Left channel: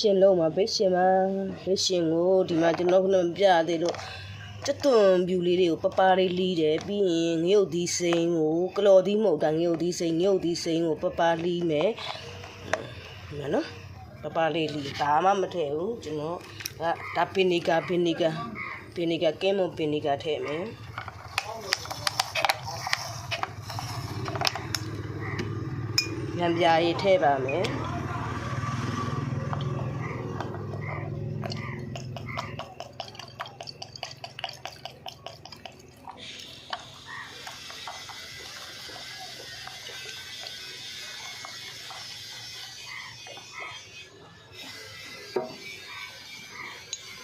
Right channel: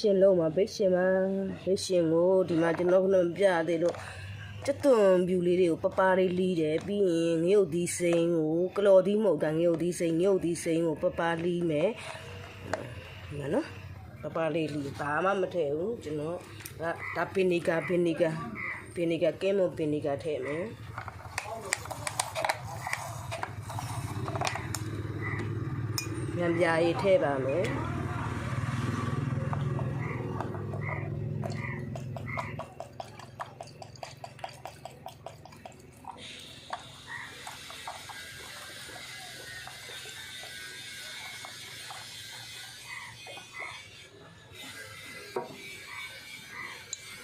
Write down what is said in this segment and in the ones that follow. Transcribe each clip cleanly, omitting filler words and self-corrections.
ရှင်လုံးမှာဘေးရှင်ကိုဒီမှာကျွန်တော်ကပြရတယ်လို့ကျွတ်သွန်ပြူလေးတွေကိုပပလေးလီးတယ်ပြီးရင်ငရုတ်သီးစိမ်းကိုကလော်သီးမဟုတ်တာငရုတ်သီးစိမ်းကိုပပလီးမယ်နော်ပပလေးလီးဒါမှမထည့်ဘူးကျွန်တော်ဒါပင်နီကာကဲမွန်ပင်နီကာထည့်မယ်ညံပြာရည်ထည့်ပါမယ်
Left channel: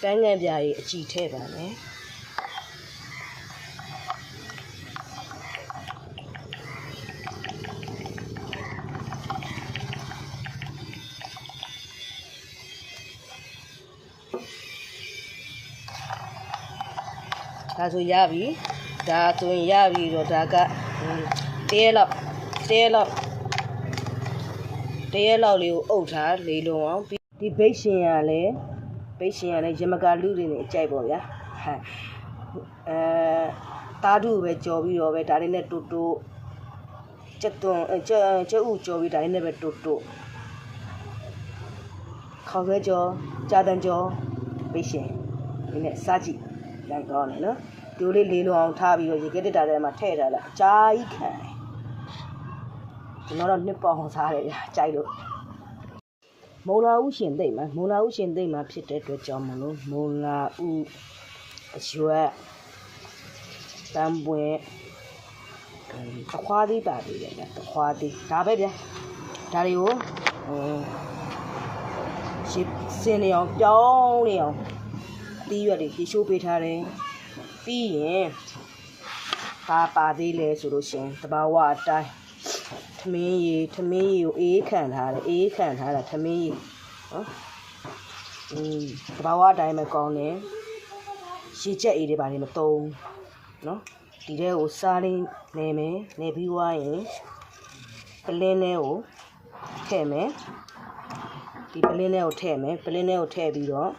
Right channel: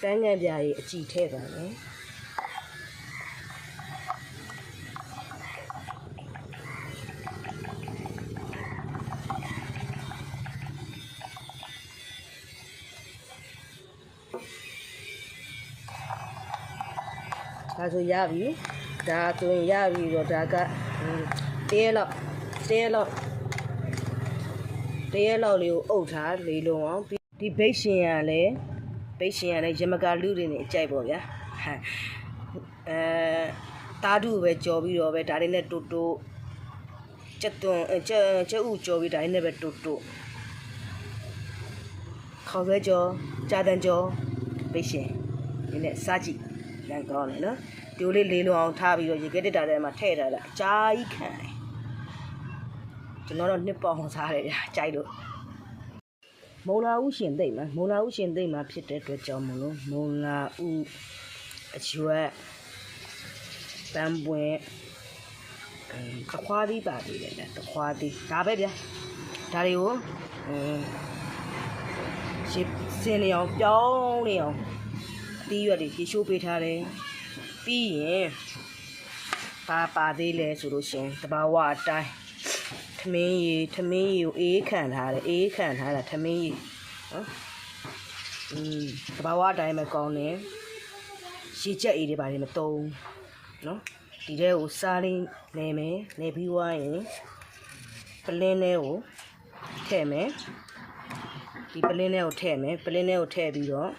ပန်းငယ်ပြားကြီးအကြည့်ထည့်ပါမယ်ဒါဆိုရပြီဒါဆိုရင်ရပြီတော့ဒါကတရက်လောက်လေးကိုအုပ်ထားလေးလုံးအောင်ဒီဘိတ်ရှင်ရလဲရမကလူတွေနဲ့အကြိုက်ပေါ့ဗျာတားတူပဲကြော်ပြီးတော့ပဲဒါတွေနဲ့တူကျက်ဥကြော်ပြီးဒါတွေနဲ့ပဲတူခေါက်ပဲကြော်ကြာတန်ကြော်ဘိတ်ရှင်ဒီနဲ့စားကြည့်လိုက်ကောင်းတယ်နော်ဒီလိုလေးလုံးအောင်ထားပြီးတော့ရေခဲတက်တာထဲမှာထည့်ထားလိုက်အကြာကြီးခံကျွန်တော်တော့နှစ်ပေါအောင်စားတယ်ဗျာကြိုက်လို့မုံလာဥရှင်သိမ့်မှာဖြစ်တဲ့အတွက်ကြောင့်မလို့မုံလာဥအရွက်တံပွင့်တခွားသီးပါသေးတယ်တခွားသီးဒါပဲဗျာဒါတွေကိုစင်နေအောင်ပြောင်းနေအောင်အသီးရွက်တွေရေရှိုးပေးထားတယ်ပြီးရင်ပါသေးလဲဆိုလို့ရှင်တဘာဝအတိုင်းထမင်းရီကိုအေးခံထားတာထမင်းရီနော်တဘာဝအတိုင်းပဲကောင်းတယ်ရေချက်အေးတွေပါလေမတုံးနော်ဒီထဲကိုစားလေးနေမယ်နေပြီးွားရင်ပလင်းထဲကိုထည့်မယ်ဒီပလင်းထဲကိုထည့်ပြီးတော့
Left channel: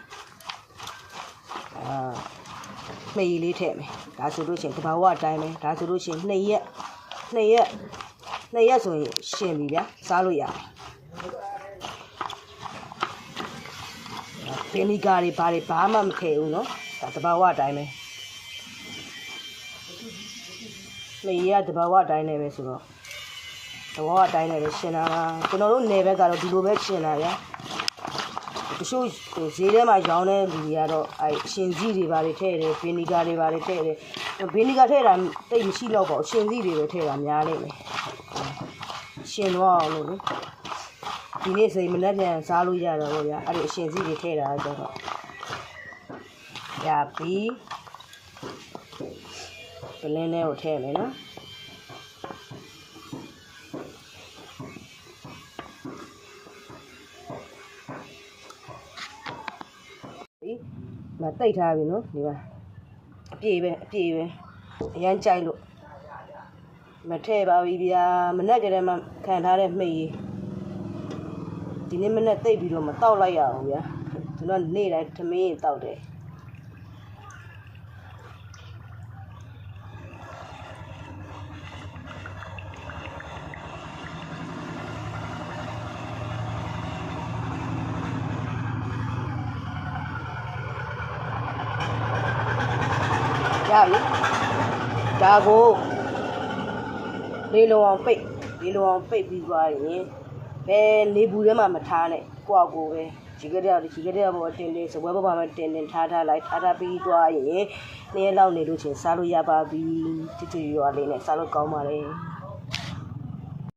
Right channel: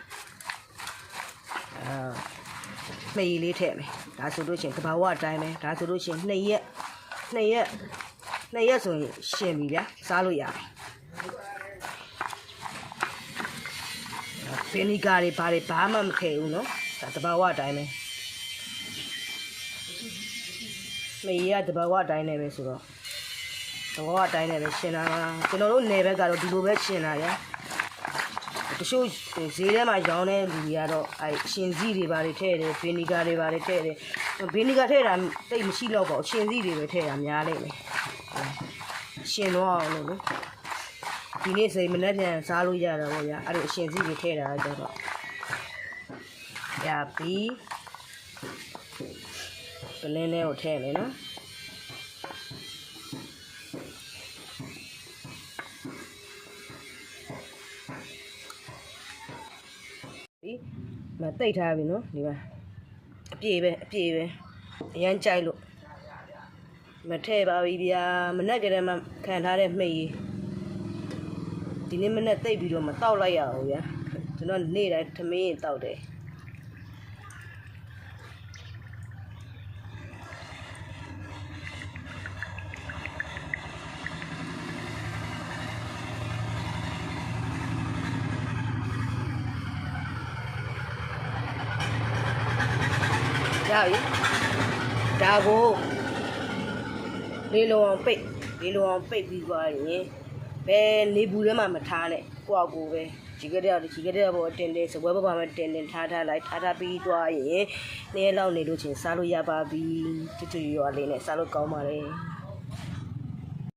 မေးလေးထည့်မယ်ဒါဆိုလို့ရှိရင်တဘာဝအတိုင်းပဲဒါဆိုလို့ရှိရင်2ရက်ဆိုရင်ရှင်ပြီဗျာစားလို့ရတယ်ဗီနီဂါတွေဘာမှမခဲဘူးနော်ဒါတဘာဝအတိုင်းပဲမေးရတဘာဝအတိုင်းနဲ့ပဲဆိုတော့တဘာဝအတိုင်းနဲ့ပဲရှင်တာကျွန်တော်တို့နယ်ဘက်ကတော့ဒီလိုပဲရှင်တာဗျာတချို့ဈေးထဲမှာရောင်းတဲ့လူတွေကတော့ရှင်စီတွေဘာတွေထည့်တယ်ဗီနီဂါတွေဘာတွေထည့်တယ်ဗီနီဂါထည့်တာတိတ်မရှိတော့ပါဘူးရှင်စီတွေပဲထည့်တာများလိမ့်မယ်ရှင်တော့အောင်လို့ဒီနေ့စိတ်မနဲ့ပြန်စားလို့ရတော့ဗျာအဲ့လိုအရှင်စီတွေထည့်တာကြတော့ရပြီပလင်းထဲကိုထည့်မယ်နော်မတိတ်ထားပြီနော်ဒီမှာအပြည့်ပဲအရန်ကြိုက်လို့မထည့်ပါဘူးဗျာမနဲ့ကလေးမှခံထားတဲ့မှိတ်ဒီနေ့မနဲ့တိတ်ပြီးတော့မတောက်လိုက်ရအောင်ဗျာကျွန်တော်နေ့တိုင်းထမင်းတောက်တယ်ရပြီဒါကိုလေးလုံးအောင်ပိတ်ပြီးသွားရင်ဘယ်နေဘူးထဲမှာမထားနဲ့ကိုယ့်အကိုပဲဒီကတည်းကပေါ်တင်စပွဲပေါ်မှာတင်ထားပြီးသွားရင်နေ့ရက်လောက်နေလို့ချင်းစားလို့ရပါပြီချွတ်ရွာလေးနဲ့စားလို့ကောင်းပါလေ